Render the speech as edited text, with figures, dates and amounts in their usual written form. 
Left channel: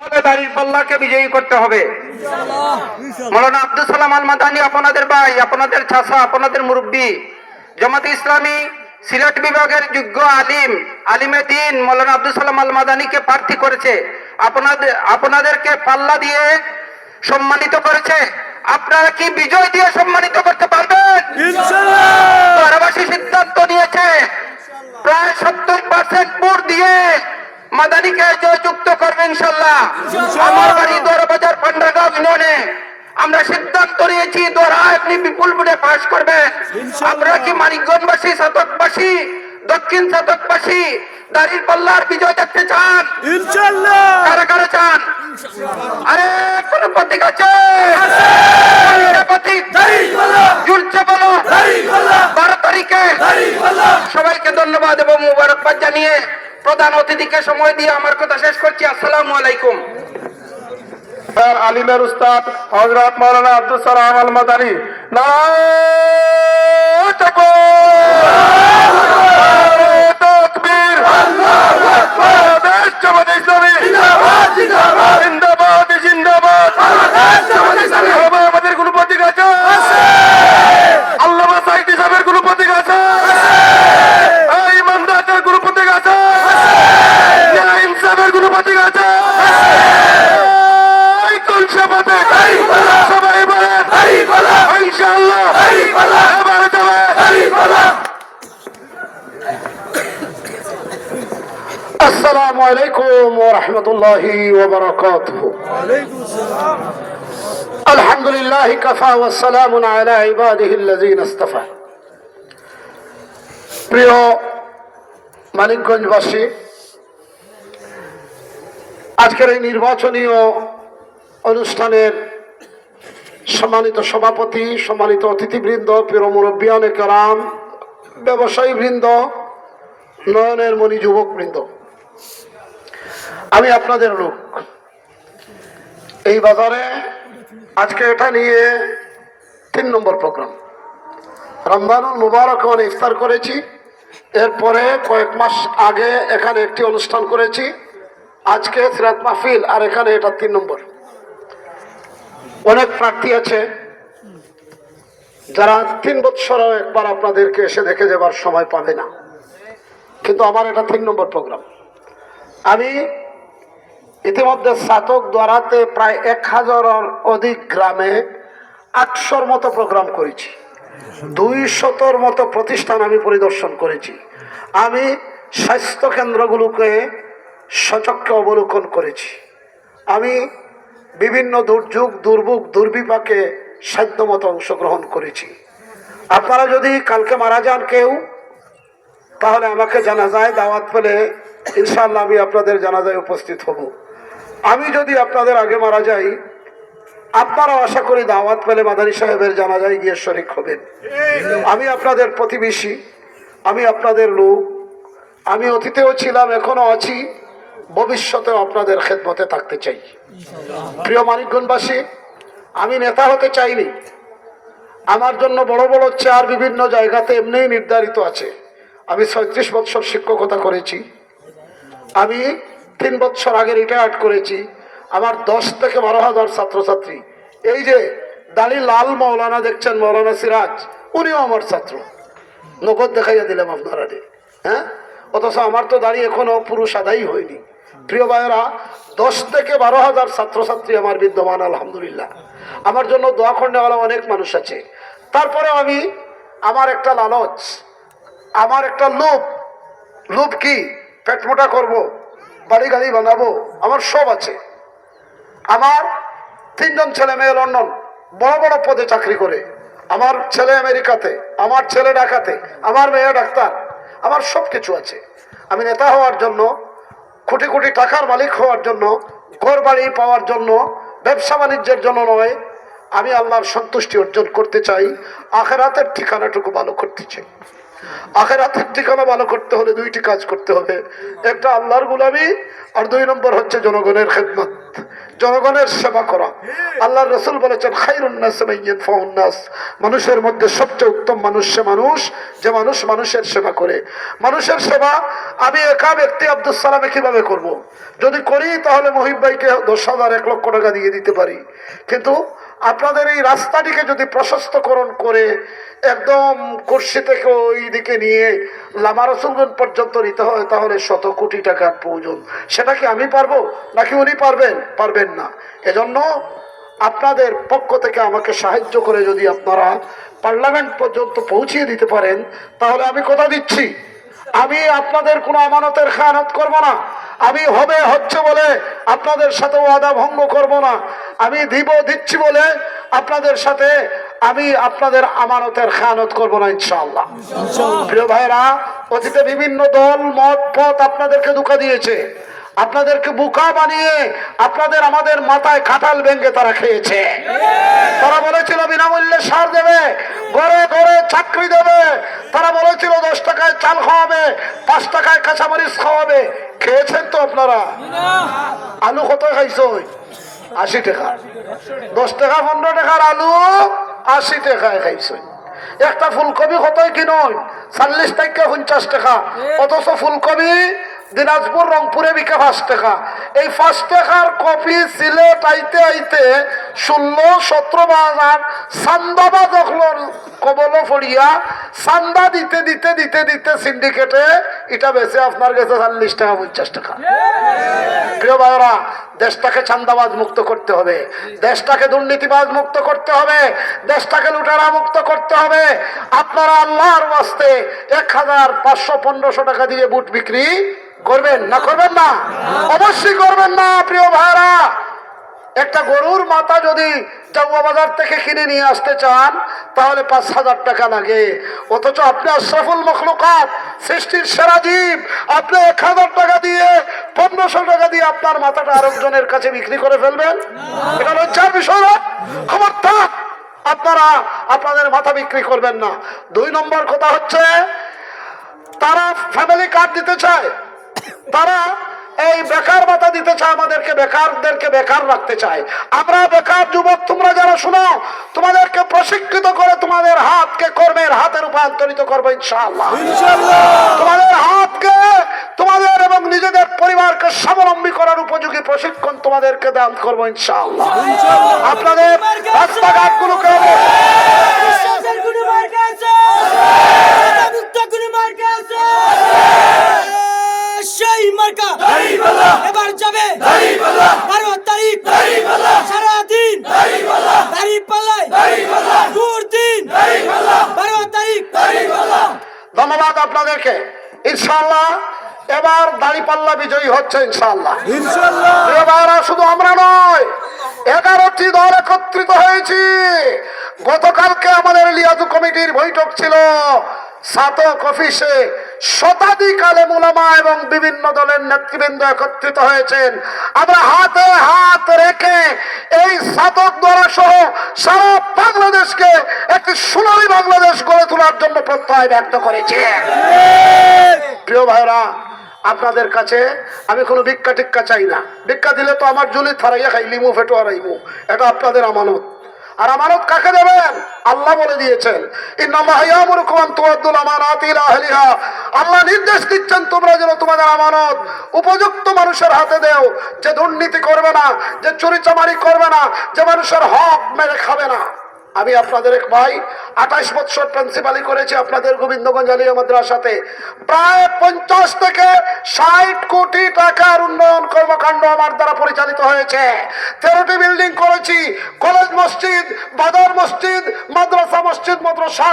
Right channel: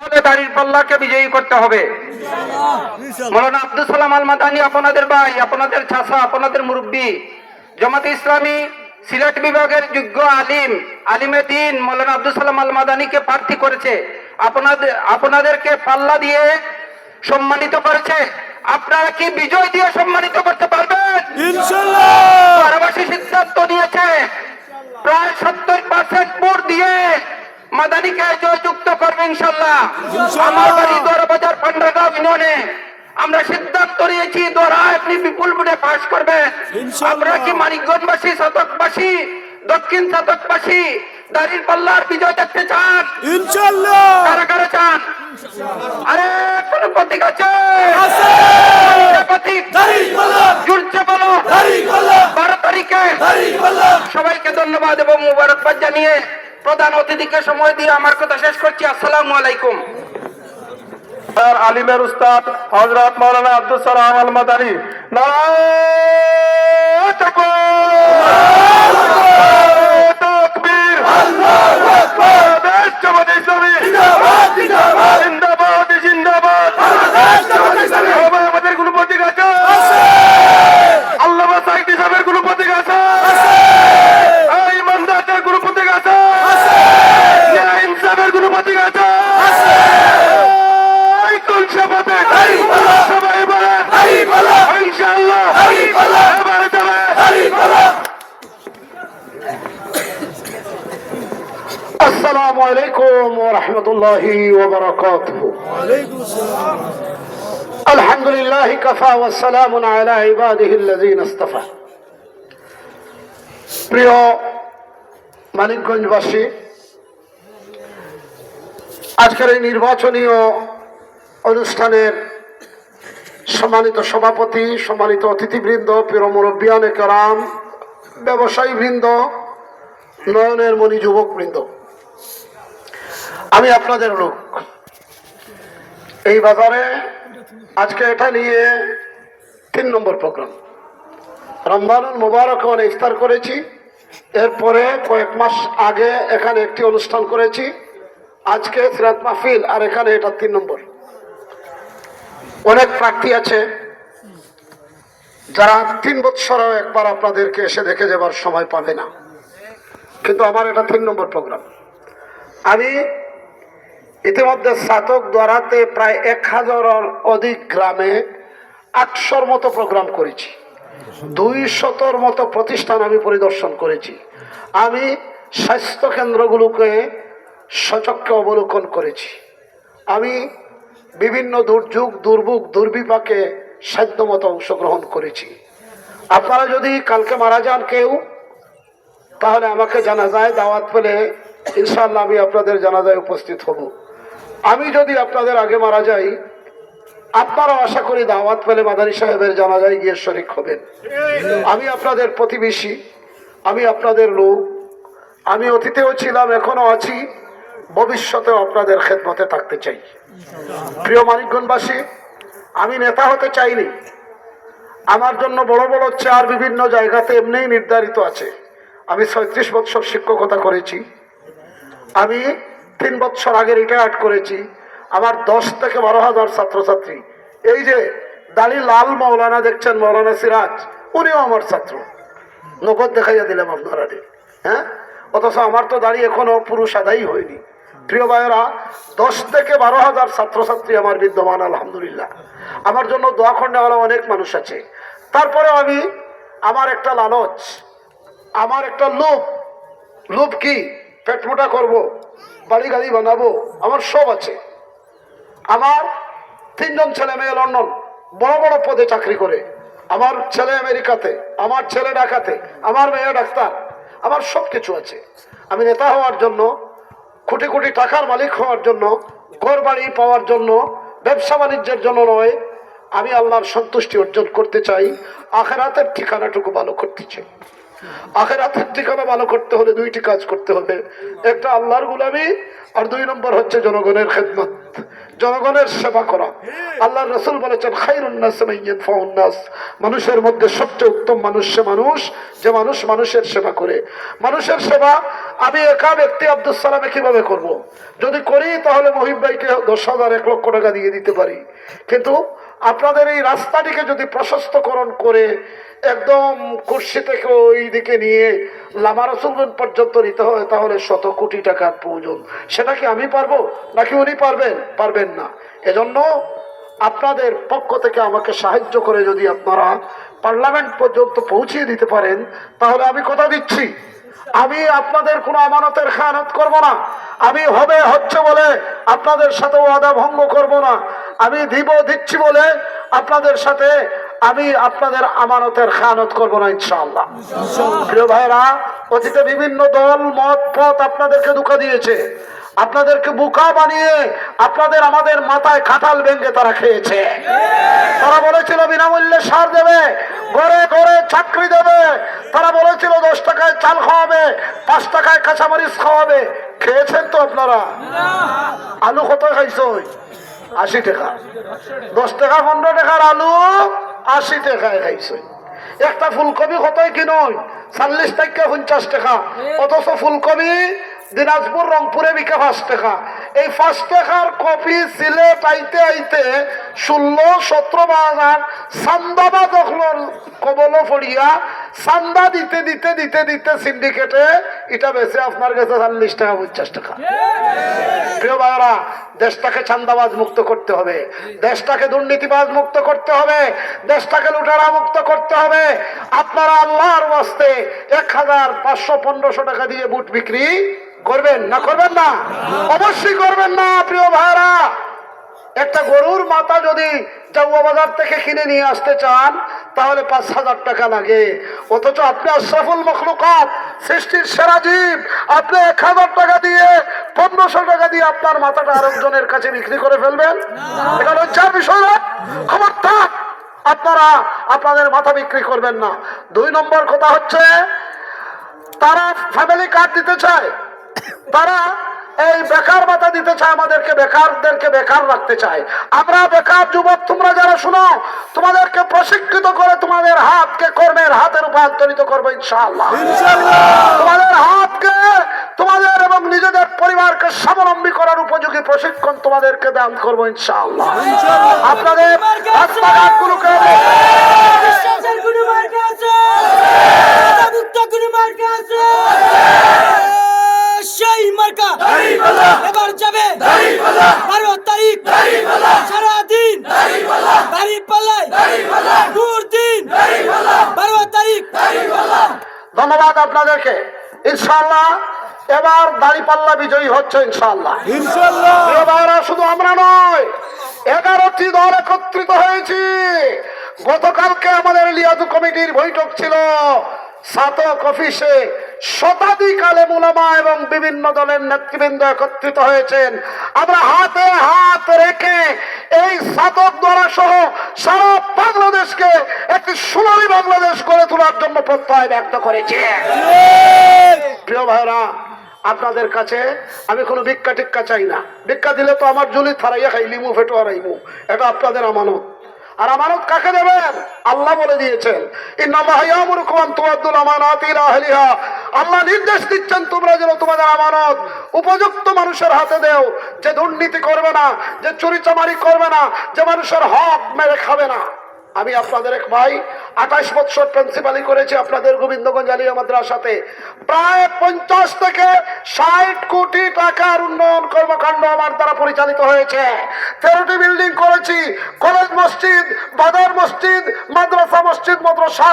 দাড়ির পাল্লাকে বিজয়ী করতে হবে। মৌলানা আব্দুল সালাম আল মাদানী আপনাদের ভাই, আপনাদের চাচা, আপনাদের মুরব্বী, জামাতে ইসলামী সিলেট বিভাগের যোগ্য আলিমে দ্বীন মৌলানা আব্দুল সালাম আল মাদানীকে প্রার্থী করেছে। আপনাদেরকে পাল্লা দিয়ে সম্মানিত করেছে। আপনারা কি বিজয় দিয়ে সম্মানিত করতে পারবেন? ইনশাআল্লাহ। বারাবাসী সিদ্ধান্ত নিয়েছে প্রায় 70% ভোট দিয়ে মাদানীকে জয়যুক্ত করবে ইনশাআল্লাহ। দোরাবাজার পান্ডাগাঁও ইউনিয়নে আমরা সিদ্ধান্ত নিয়েছি দোরা আপনি বিপুল ভোটে পাস করবে। আমরা কি মানিকগঞ্জবাসী, সাতকবাসী, দক্ষিণ সাতকবাসী দাড়ির পাল্লার বিজয় দেখতে চান? ইনশাআল্লাহ। কারা কারা চান? আরে কোন প্রতীক আছে? প্রতীক দাড়ির পাল্লা, জুলছে বলো দাড়ির পাল্লা, 12 তারিখে দাড়ির পাল্লা। সবাইকে ধন্যবাদ এবং মুবারকবাদ জানিয়ে প্রধান অতিথিকে সময় দিয়ে আমার কথা শেষ করছি। আসসালামু আলাইকুম। আলিমের উস্তাদ হযরত মাওলানা আব্দুল সালাম আল মাদানী নারায়ে তাকবীর, আল্লাহু আকবার। বাংলাদেশ জামাত ইসলামী জিন্দাবাদ, জিন্দাবাদ, জিন্দাবাদ, জিন্দাবাদ। বাংলাদেশ জামাত ইসলামী। আমাদের কোন প্রতীক আছে? আল্লামা সাইদি সাহেবের কোন প্রতীক আছে? এই ইমানদারদের কোন প্রতীক আছে? ইনসাফের কোন প্রতীক আছে? السلام عليكم ورحمة الله وبركاته. الحمد لله كفى والسلام على عباده الذين اصطفى. প্রিয় মানিকগঞ্জবাসী, আজকের এই নির্বাচনীয় অনুষ্ঠানের সম্মানিত সভাপতি, সম্মানিত অতিথিবৃন্দ, প্রিয় মুরব্বিয়ানে কেরাম, ব্যবসায়ী বৃন্দ, নয়নের মণি যুবক বৃন্দ, আমি আপনাদের লোক। এই বাজারে আজকে এটা নিয়ে 3 নম্বর প্রোগ্রাম। রমজানুল মুবারক ইফতার করেছি, এরপরে কয়েক মাস আগে এখানে একটি অনুষ্ঠান করেছি, আজকে সিরাত মাহফিল, আর এখানে এটা 3 নম্বর। অনেক প্রার্থী আছে যারা 3 বছরও একবার আপনাদেরকে এসে দেখে যাবার সময় পাবে না, কিন্তু আমার এটা 3 নম্বর প্রোগ্রাম। আমি ইতিমধ্যে সাতক দ্বারাতে প্রায় 1000-এর অধিক গ্রামে 800-র মতো প্রোগ্রাম করেছি, 200-র মতো প্রতিষ্ঠান আমি পরিদর্শন করেছি। আমি স্বাস্থ্য কেন্দ্রগুলোকে সচক্ষে অবলোকন করেছি। আমি বিভিন্ন দুর্যোগ, দুর্ভোগ, দুর্বিপাকে সাধ্যমতো অংশগ্রহণ করেছি। আপনারা যদি কালকে মারা যান কেউ, তাহলে আমাকে জানাজায় দাওয়াত পেলে ইনশাআল্লাহ আমি আপনাদের জানাজায় উপস্থিত হব। আমি যদি আপনাদের আগে মারা যাই, আপনারাও আশা করি দাওয়াত পেলে মাদানী সাহেবের জানাজায় গিয়ে শরীক হবেন। আমি আপনাদের প্রতিবেশী, আমি আপনাদের লোক, আমি অতীতেও ছিলাম, এখনো আছি, ভবিষ্যতেও আপনাদের খেদমতে থাকতে চাই। প্রিয় মানিকগঞ্জবাসী, আমি নেতা হতে চাইনি। আমার জন্য বড় বড় চেয়ার বিভিন্ন জায়গাতে এমনিই নির্ধারিত আছে। আমি 36 বছর শিক্ষকতা করেছি। আমি 3 বছর আগে রিটায়ার্ড করেছি। আমার 10 থেকে 12,000 ছাত্রছাত্রী। এই যে দাড়ি লাল মৌলানা দেখছেন, মৌলানা সিরাজ, উনিও আমার ছাত্র। নগদ দেখাইয়া দিলাম আপনারা, হ্যাঁ? অথচ আমার তো দাড়ি এখনো পুরো সাদাই হয়নি। প্রিয় ভাইয়েরা, 10 থেকে 12,000 ছাত্রছাত্রী আমার বিদ্যমান, আলহামদুলিল্লাহ। আমার জন্য দোয়া করনেওয়ালা অনেক মানুষ আছে। তারপরে আমি, আমার একটা লালচ, আমার একটা লোভ কি, পেট মোটা করবো, বাড়ি গাড়ি বানাবো, আমার সব আছে। আমার 3 জন ছেলে মেয়ে লন্ডন বড় বড় পদে চাকরি করে, আমার ছেলে আমেরিকাতে, আমার ছেলে ঢাকাতে, আমার মেয়ে ডাক্তার, আমার সব কিছু আছে। আমি নেতা হওয়ার জন্য, কোটি কোটি টাকার মালিক হওয়ার জন্য, ঘর বাড়ি পাওয়ার জন্য, ব্যবসা বাণিজ্যের জন্য নয়। আমি আল্লাহর সন্তুষ্টি অর্জন করতে চাই, আখিরাতের ঠিকানাটুকু ভালো করতে চাই। আখিরাতের ঠিকানা ভালো করতে হলে 2টি কাজ করতে হবে। একটা আল্লাহর গোলামি, আর 2 নম্বর হচ্ছে জনগণের খেদমত। জনগণের সেবা করা। আল্লাহ রসুল বলেছেন খায়রুন নাস মান ইয়ানফাউন নাস, মানুষের মধ্যে সবচেয়ে উত্তম মানুষ সে মানুষ যে মানুষ মানুষের সেবা করে। মানুষের সেবা আমি একা ব্যক্তি আব্দুল সালামে কিভাবে করব? যদি করি তাহলে মহিব ভাইকে 10,000 1 লক্ষ টাকা দিয়ে দিতে পারি, কিন্তু আপনাদের এই রাস্তাটিকে যদি প্রশস্তকরণ করে একদম কুর্সি থেকে ওই দিকে নিয়ে লামা রসুলগঞ্জ পর্যন্ত নিতে হয় তাহলে 100 কোটি টাকার প্রয়োজন। সেটা কি আমি পারবো নাকি উনি পারবেন? পারবেন না। এজন্য আপনাদের পক্ষ থেকে আমাকে সাহায্য করে যদি আপনারা পার্লামেন্ট পর্যন্ত পৌঁছিয়ে দিতে পারেন তাহলে আমি কথা দিচ্ছি আমি আপনাদের কোনো আমানতের খেয়ানত করব না। আমি হচ্ছে বলে আপনাদের সাথে ওয়াদা ভঙ্গ করব না। আমি দিচ্ছি বলে আপনাদের সাথে আমি আপনাদের আমানতের খেয়ানত করব না ইনশাআল্লাহ। প্রিয় ভাইরা, অতীতে বিভিন্ন দল মত পথ আপনাদেরকে ধোঁকা দিয়েছে, আপনাদেরকে বোকা বানিয়ে আপনাদের আমাদের মাথায় কাঁঠাল ভেঙে তারা খেয়েছে। তারা বলেছিল বিনামূল্যে সার দেবে, ঘরে ঘরে চাকরি দেবে, তারা বলেছিল 10 টাকায় চাল খাওয়াবে, 5 টাকায় কাঁচামরিচ খাওয়াবে। খেয়েছেন তো আপনারা? আলু কত খাইছো? 80 টাকা। 10 টাকা 15 টাকার আলু 80 টাকায় খাইছে। একটা ফুলকপি কতই কিনুন? 40 টাকা 50 টাকা। অথচ ফুলকপি দিনাজপুর রংপুরে বিকে 5 টাকা। এই 5 টাকার কপি সিলেট আইতে আইতে 16-17 চান্দাবা দেখল কবল ফড়িয়া চান্দা দিতে দিতে দিতে দিতে সিন্ডিকেটে এটা বেছে আপনার কাছে 40 টাকা 50 টাকা। প্রিয় ভাইরা, দেশটাকে চান্দাবাজ মুক্ত করতে হবে, দেশটাকে দুর্নীতিবাজ মুক্ত করতে হবে, দেশটাকে লুটেরা মুক্ত করতে হবে। আপনারা আল্লাহর ওয়াস্তে 1,500-1,500 টাকা দিয়ে বুট বিক্রি করবেন না? করবেন না? অবশ্যই করবেন না। প্রিয় ভাইরা, একটা গরুর মাথা যদি জাউয়া বাজার থেকে কিনে নিয়ে আসতে চান তাহলে 5,000 টাকা লাগে। অথচ আপনি আশরাফুল মখলুকাত, সৃষ্টির সেরা জীব, আপনি 1,000 টাকা দিয়ে 1,500 টাকা দিয়ে আপনার মাথাটা আরেকজনের কাছে বিক্রি করে ফেলবেন? এটা লজ্জার বিষয় না? খবরদার আপনারা আপনাদের মাথা বিক্রি করবেন না। 2 নম্বর কথা হচ্ছে, তারা ফ্যামিলি কার্ড দিতে চায়, তারা এই বেকার ভাতা দিতে চায়, আমাদেরকে বেকারদেরকে বেকার রাখতে চায়। আমরা বেকার যুবক, তোমরা যারা শুনো, তোমাদেরকে প্রশিক্ষিত করে তোমাদের হাতকে কর্মের হাতে রূপান্তরিত করবো ইনশাআল্লাহ। তোমাদের হাতকে তোমাদের এবং নিজেদের পরিবারকে স্বাবলম্বী করার উপযোগী প্রশিক্ষণ তোমাদেরকে দান করবো ইনশাআল্লাহ। আপনাদের রাস্তাঘাটগুলোকে সেই মার্কা এবার যাবে 12 তারিখ সারাদিন দাঁড়িপাল্লায় গুড় দিন 12 তারিখ। ধন্যবাদ আপনাদেরকে। ইনশাআল্লাহ এবার দাঁড়িপাল্লা বিজয়ী হচ্ছে ইনশাআল্লাহ। এবার শুধু আমরা নয়, 11টি দল একত্রিত হয়েছি। গতকালকে আমাদের লিয়াজু কমিটির বৈঠক ছিল সাতক অফিসে। শতাধিক আলেম উলামা এবং বিভিন্ন দলের নেতৃবৃন্দ একত্রিত হয়েছেন। আমরা হাতে হাত রেখে এই সাতক দ্বারা সহ সারা বাংলাদেশকে একটি সোনালী বাংলাদেশ গড়ে তোলার জন্য প্রত্যয় ব্যক্ত করেছি। প্রিয় ভাইরা, আপনাদের কাছে আমি কোনো ভিক্ষা টিক্ষা চাই না। ভিক্ষা দিলে তো আমার জুলি থারাইয়া খাইলিমু ফেটো হারাইমু। এটা আপনাদের আমানত। আর আমানত কাকে দেবেন? আল্লাহ বলে দিয়েছেন, ইন্নাল্লাহা ইয়ামুরুকুম আন তুআদ্দুল আমানাতি ইলা আহলিহা। আল্লাহ নির্দেশ দিচ্ছেন তোমরা যেন তোমাদের আমানত উপযুক্ত মানুষের হাতে দাও, যে দুর্নীতি করবে না, যে চুরিচামারি করবে না, যে মানুষের হক মেরে খাবে না। আমি আপনাদের এক ভাই 28 বছর প্রিন্সিপালি করেছি আপনাদের গোবিন্দগঞ্জ আলিয়া মাদ্রাসাতে। প্রায় 50 থেকে 60 কোটি টাকার উন্নয়ন কর্মকাণ্ড আমার দ্বারা পরিচালিত হয়েছে। 13টি বিল্ডিং করেছি, কলেজ মসজিদ, বাজার মসজিদ, মাদ্রাসা মসজিদ, মাদ্রাসা